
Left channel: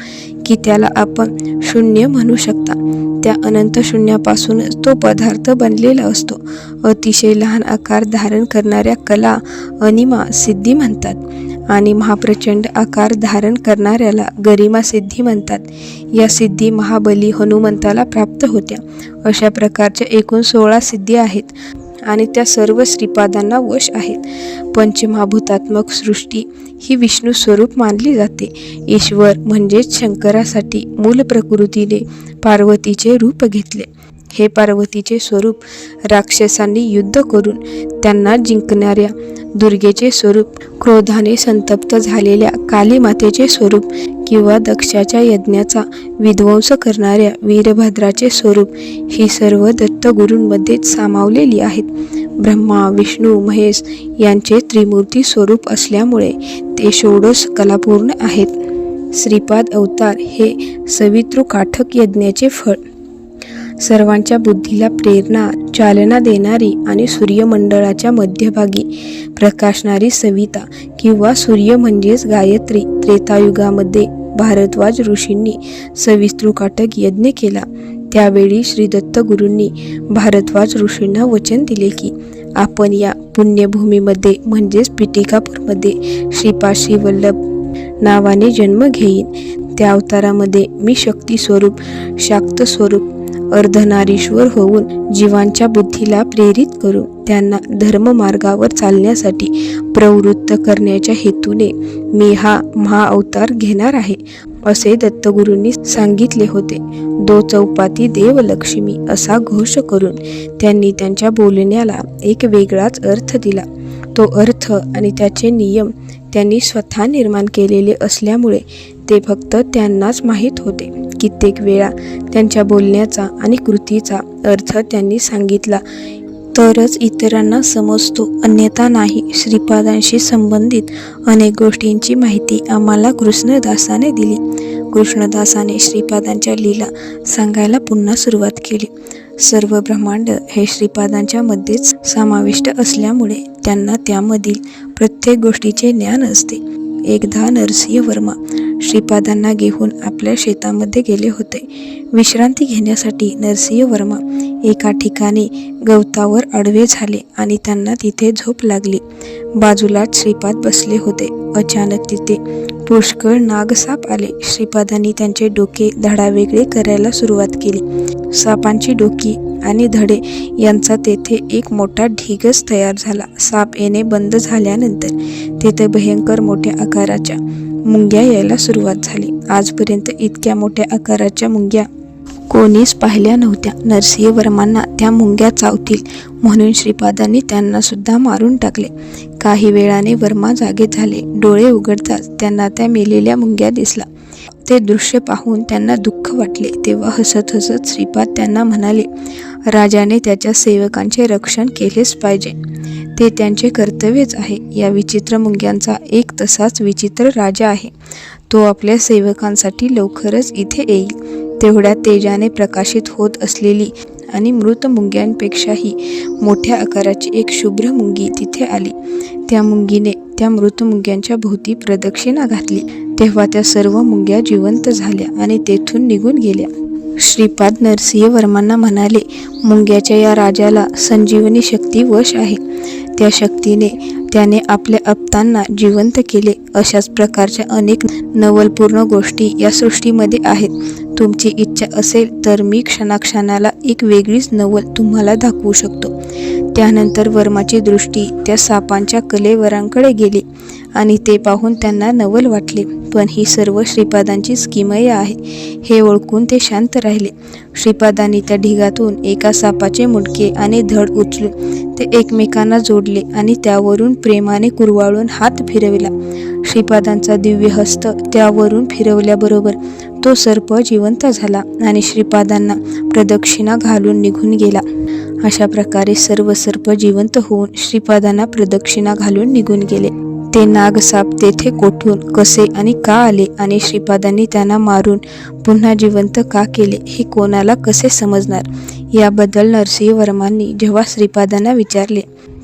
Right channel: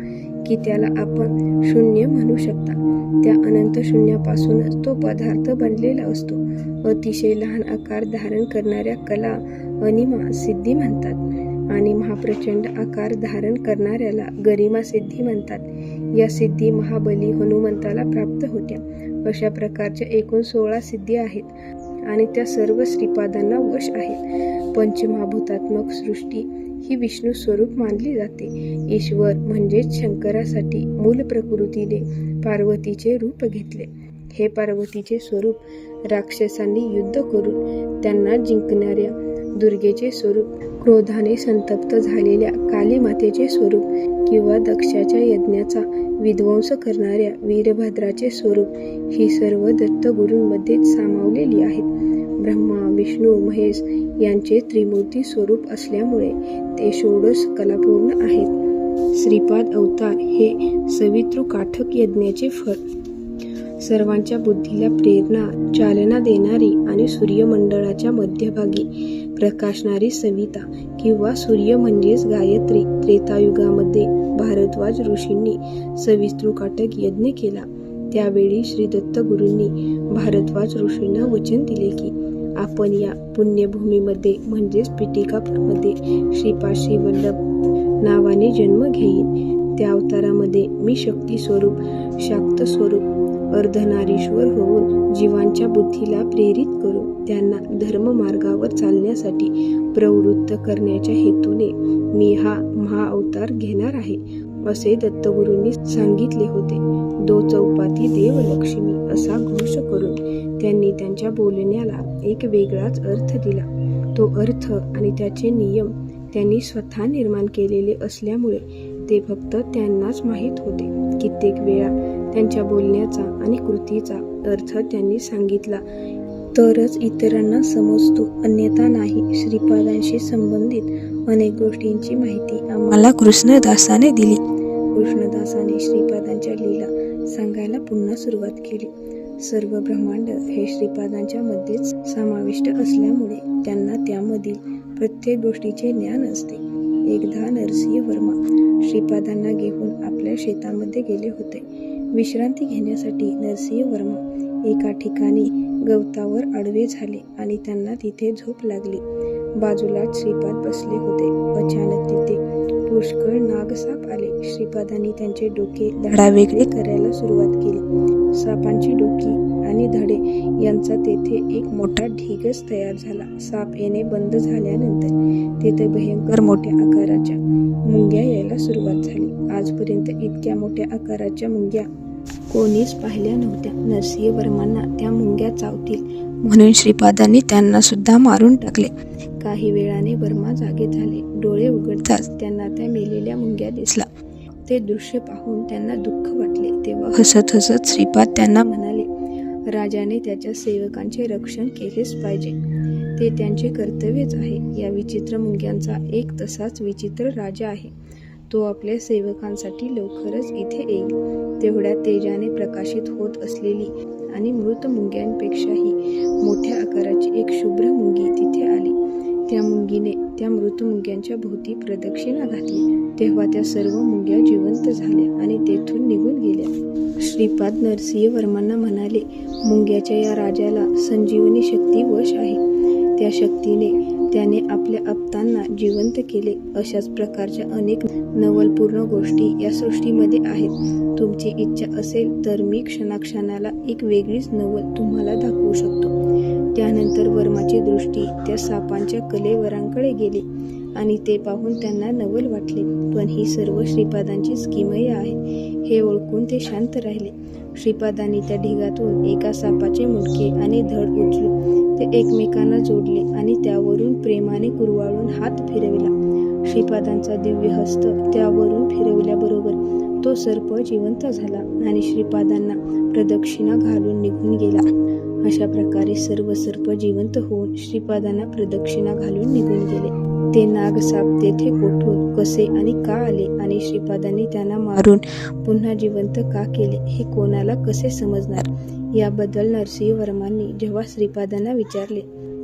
की त्याला आपण शून्य म्हणू शकता. त्या अनंत शून्यापासूनच तो पदार्थ बनलेला असतो. अतिशय लहान आकार धारण करणाऱ्या कला अनिमा सिद्धी म्हणतात आणि महाप्रचंड आकार धारण करणाऱ्याला गरिमा सिद्धी म्हणतात. या सिद्धी महाबली हनुमंताला प्राप्त होत्या. अशा प्रकारच्या एकूण 16 सिद्धी आहेत आणि त्या सर्व श्रीपादांना वश आहेत. पंचमहाभूतात्मक सृष्टी ही विष्णू स्वरूप मानली जाते. ईश्वर म्हणजेच शंकरासाठी मूल प्रकृतीने पार्वतीचे रूप घेतले. हे पार्वतीचे स्वरूप राक्षसांनी युद्ध करून त्यांना जिंकणाऱ्या दुर्गेचे स्वरूप, क्रोधाने संतप्त झालेल्या कालीमातेचे स्वरूप किंवा दक्षाच्या यज्ञाचा विध्वंस करणाऱ्या वीरभद्राचे स्वरूप ही सर्व दत्तगुरूंमध्येच सामावलेली आहेत. ब्रह्मा विष्णू महेश यांचे त्रिमूर्ती स्वरूप असल्यामुळे ते षोडश कलापूर्ण आहेत. श्रीपाद अवतार हे सवितृकाठक यज्ञाचे फळ, सर्वांच्या बुद्धीला प्रेरणा चालना देणारी आणि सूर्यमंडळाच्या मध्यभागी प्रकाशणारी सविता किंवा सूर्य म्हणजेच गायत्री. त्रेतायुगामध्ये भारद्वाज ऋषींनी सवितृकाठक यज्ञ केला. त्यावेळी श्री दत्तगुरूंनी भारद्वाज ऋषींना वचन दिले की आपण या पुण्यभूमीमध्ये म्हणजेच पिटिकापूरमध्ये श्रीपाद श्री वल्लभ नावाने जन्म घेईन. त्या अवतारामध्ये मी शक्ती स्वरूप, शाक्त स्वरूप, अर्धनारीश्वर होऊन जीवांच्या बुद्धीला प्रेरित करून त्यांना धर्ममार्गावर चालण्यासाठी प्रवृत्त करण्याच्या हेतूने मी हा महाअवतार घेणार आहे असे दत्तगुरूंनी सांगितले होते. दो चौपाती देव लक्ष्मी असा घोष करून त्यांनी त्यांच्या बोलण्याला एक वेगळाच अर्थ दिला. तो अर्थ आणि त्याचे नियम त्यांनी स्वतः निर्माण केलेले असल्यामुळे ते फक्त त्यांनाच माहीत होते. कित्येक वेळा त्यांच्या बोलण्याचा आणि कृतीचा अर्थ त्यांनी सांगितला तरच इतरांना समजतो, अन्यथा नाही. श्रीपादांशी संबंधित अनेक गोष्टींची माहिती आम्हाला कृष्णदासाने दिली. कृष्णदासाने श्रीपादांच्या लीला सांगायला पुन्हा सुरुवात केली. सर्व ब्रह्मांड हे श्रीपादांच्या मध्येच समाविष्ट असल्यामुळे त्यांना त्यामधील प्रत्येक गोष्टीचे ज्ञान असते. एकदा नरसिंह वर्मा श्रीपादांना घेऊन आपल्या शेतामध्ये गेले होते. विश्रांती घेण्यासाठी नरसिंह वर्मा एका ठिकाणी गवतावर आडवे झाले आणि त्यांना तिथे झोप लागली. बाजूलाच श्रीपाद बसले होते. अचानक तिथे पुष्कळ नागसाप आले. श्रीपादांनी त्यांचे डोके धडावेगळे करायला सुरुवात केली. सापांची डोकी आणि धडे यांचा तेथे एक मोठा ढिगच तयार झाला. साप येणे बंद झाल्यानंतर तेथे भयंकर मोठ्या आकाराच्या मुंग्या यायला सुरुवात झाली. आजपर्यंत इतक्या मोठ्या आकाराच्या मुंग्या कोणीच पाहिल्या नव्हत्या. नरसिंह वर्मांना त्या मुंग्या चावतील म्हणून श्रीपादांनी त्यांना सुद्धा मारून टाकले. काही वेळाने वर्मा जागे झाले. डोळे उघडताच त्यांना त्या मेलेल्या मुंग्या दिसला. ते दृश्य पाहून त्यांना दुःख वाटले. तेव्हा हसत हसत श्रीपाद त्यांना म्हणाले, राजाने त्याच्या सेवकांचे रक्षण केलेच पाहिजे, ते त्यांचे कर्तव्यच आहे. या विचित्र मुंग्यांचा एक तसाच विचित्र राजा आहे. तो आपल्या सेवकांसाठी लवकरच इथे येईल. तेवढ्या तेजाने प्रकाशित होत असलेली आणि मृत मुंग्यांपेक्षाही मोठ्या आकाराची एक शुभ्र मुंगी तिथे आली. त्या मुंगीने त्या मृत मुंग्यांच्या भोवती प्रदक्षिणा घातली. तेव्हा त्या सर्व मुंग्या जिवंत झाल्या आणि तेथून निघून गेल्या. श्रीपाद नरसिंह वर्मांना म्हणाले, मुंग्याच्या या राजाला संजीवनी शक्ती वश आहे. त्या शक्तीने त्याने आपल्या आप्तांना जिवंत केले. अशाच प्रकारच्या अनेक नवलपूर्ण गोष्टी या सृष्टीमध्ये आहेत. तुमची इच्छा असेल तर मी क्षणाक्षणाला एक वेगळीच नवल तुम्हाला दाखवू शकतो. त्यानंतर वर्माची दृष्टी त्या सापांच्या कलेवरांकडे गेली आणि ते पाहून त्यांना नवल वाटले. पण ही सर्व श्रीपादांची स्कीमय आहे हे ओळखून ते शांत राहिले. श्रीपादांनी त्या ढिगातून एका सापाचे मुंडके आणि धड उचलून ते एकमेकांना जोडले आणि त्यावरून प्रेमाने कुरवाळून हात फिरविला. श्रीपादांचा दिव्य हस्त त्यावरून फिरवल्याबरोबर तो सर्प जिवंत झाला आणि श्रीपादांना प्रदक्षिणा घालून निघून गेला. अशा प्रकारे सर्व सर्प जिवंत होऊन श्रीपादांना प्रदक्षिणा घालून निघून गेले. ते नागसाप तेथे कोठून, कसे आणि का आले आणि श्रीपादांनी त्यांना मारून पुन्हा जिवंत का केले हे कोणाला कसे समजणार, याबद्दल नरसिंहवर्मांनी जेव्हा श्रीपादांना विचारले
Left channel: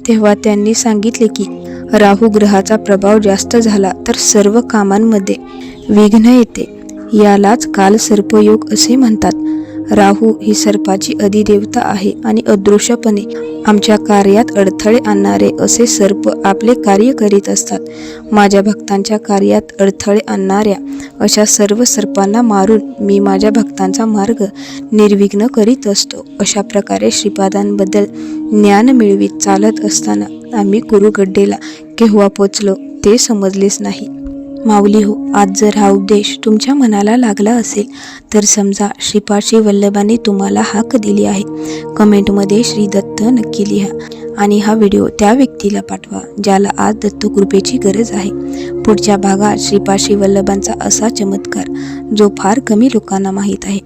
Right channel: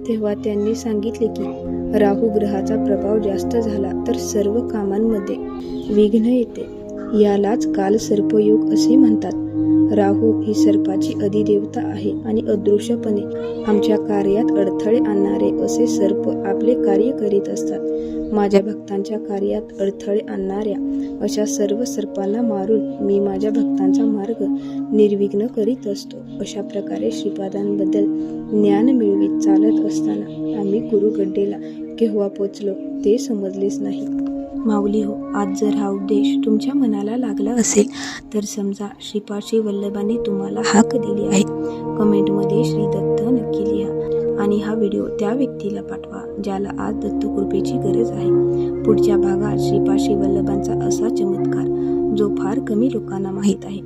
तेव्हा त्यांनी सांगितले की राहू ग्रहाचा प्रभाव जास्त झाला तर सर्व कामांमध्ये विघ्न येते. यालाच कालसर्पयोग असे म्हणतात. राहू ही सर्पाची अधिदेवता आहे आणि अदृश्यपणे आमच्या कार्यात अडथळे आणणारे असे सर्प आपले कार्य करीत असतात. माझ्या भक्तांच्या कार्यात अडथळे आणणाऱ्या अशा सर्व सर्पांना मारून मी माझ्या भक्तांचा मार्ग निर्विघ्न करीत असतो. अशा प्रकारे श्रीपादांबद्दल ज्ञान मिळवीत चालत असताना आम्ही कुरुगड्डेला केव्हा पोचलो ते समजलेच नाही. माऊली हो, आज जर हा उपदेश तुमच्या मनाला लागला असेल तर समजा श्रीपाद श्री वल्लभांनी तुम्हाला हाक दिली आहे. कमेंटमध्ये श्री दत्त नक्की लिहा आणि हा व्हिडिओ त्या व्यक्तीला पाठवा ज्याला आज दत्तकृपेची गरज आहे. पुढच्या भागात श्रीपाद श्री वल्लभांचा असा चमत्कार जो फार कमी लोकांना माहीत आहे